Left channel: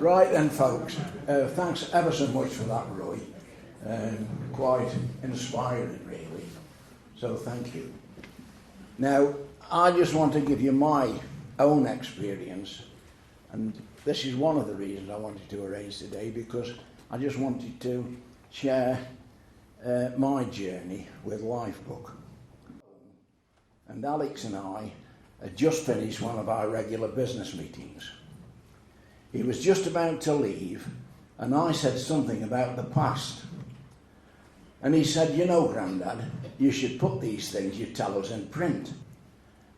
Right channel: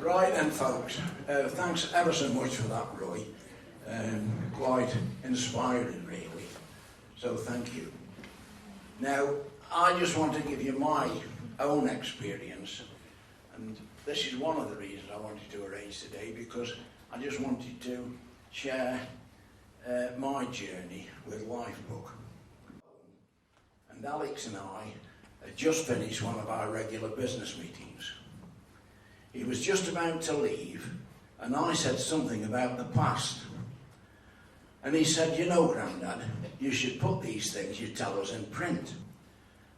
Right then, folks, thanks ever so much for that, Roy. Quite inspiring, really. So thank you. Now, I just want to give you my own experience, and this is one of the reasons I wanted to arrange today, because I just wanted to share my journey with LifeBook. And Alex and I had just finished one of our regular business meetings. He was just about to leave, and I said something about the past. And he said, "You know, Grandad, you should put these things you tell us in print."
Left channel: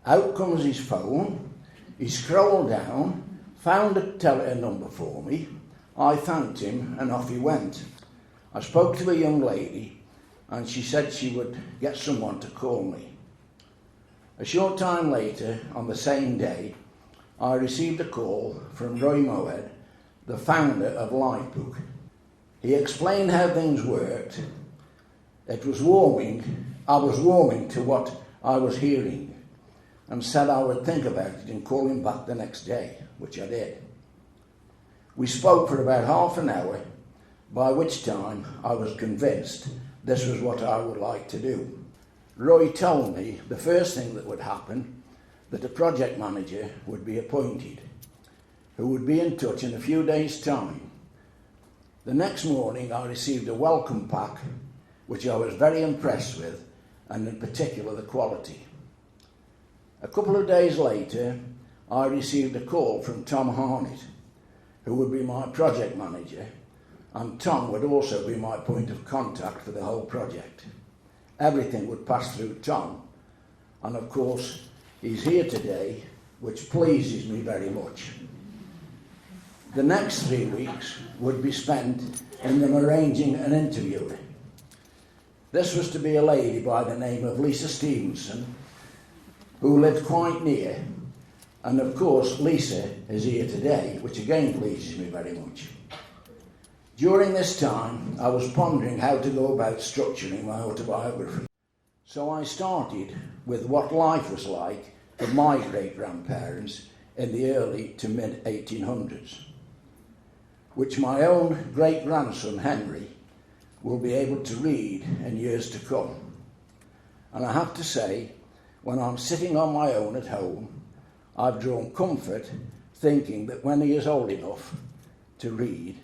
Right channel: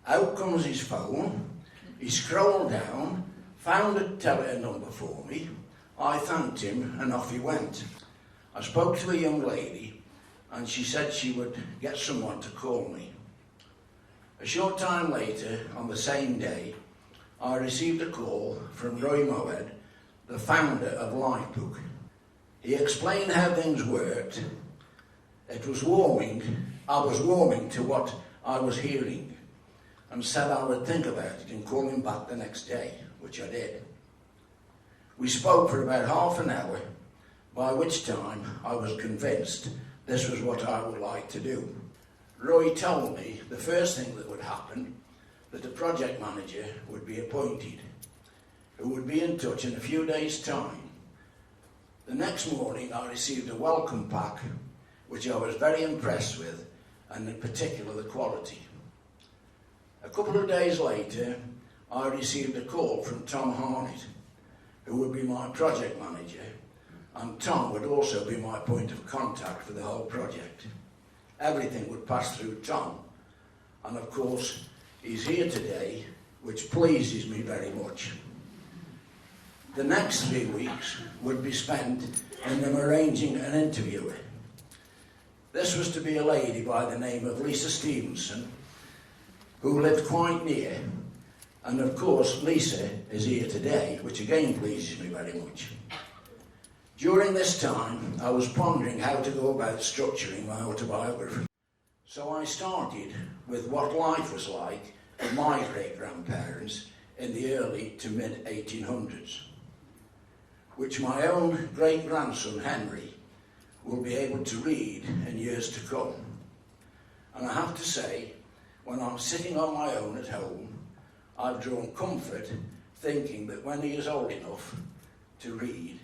Out comes his phone, he scrolled down, found a number for me. I thanked him, and off he went. I spoke to a young lady, and she said she would get someone to call me. A short time later, on the same day, I received a call from Roy Moëd, the founder of LifeBook. He explained how things worked. I was warming to what I was hearing, and said I would think about it and call him back the next day, which I did. We spoke for about half an hour, by which time I was convinced this was what I would like to do. Roy told me the first thing that would happen, that a project manager would be appointed, who would be in touch in a few days' time. The next morning I received a welcome pack, which I was very impressed with, and in particular the quality. A couple of days later, I received a call from Tom Harnett, who would be my project manager, and Tom would also be my point of contact for the whole project. Everything would pass through Tom, and of course he's here today, which pleases me very much. The next 3 weeks would be spent in them arranging an interview. This was to be a lady by the name of Lisa Stevenson, who lived quite near, and of course Lisa is here today, which again pleases me very much. During this time, I was pondering how to go about structuring my autobiography. So I started with what life was like for my great-grandparents in the early to mid-1800s, which my own great-grandson Henry will be able to read in years to come. And I have to say, when I'm sitting on my own at home, I've drawn comfort thinking that when he is old enough to read,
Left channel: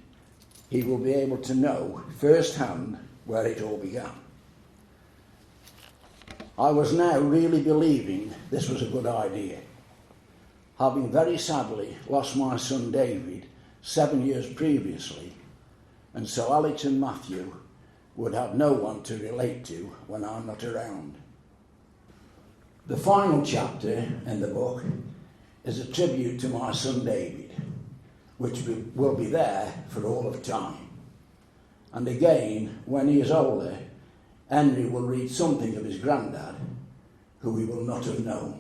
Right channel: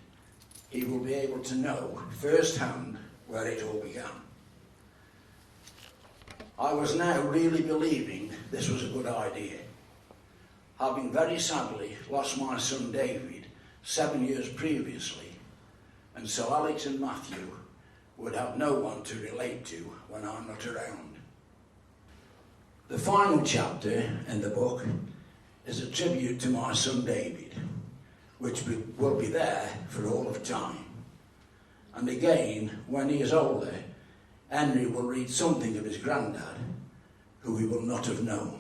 he will be able to know firsthand where it all began. I was now really believing this was a good idea, having very sadly lost my son David 7 years previously, and so Alex and Matthew would have no one to relate to when I'm not around. The final chapter in the book is a tribute to my son David, which will be there for all of time. And again, when he is older, Henry will read something of his granddad, who he will not have known.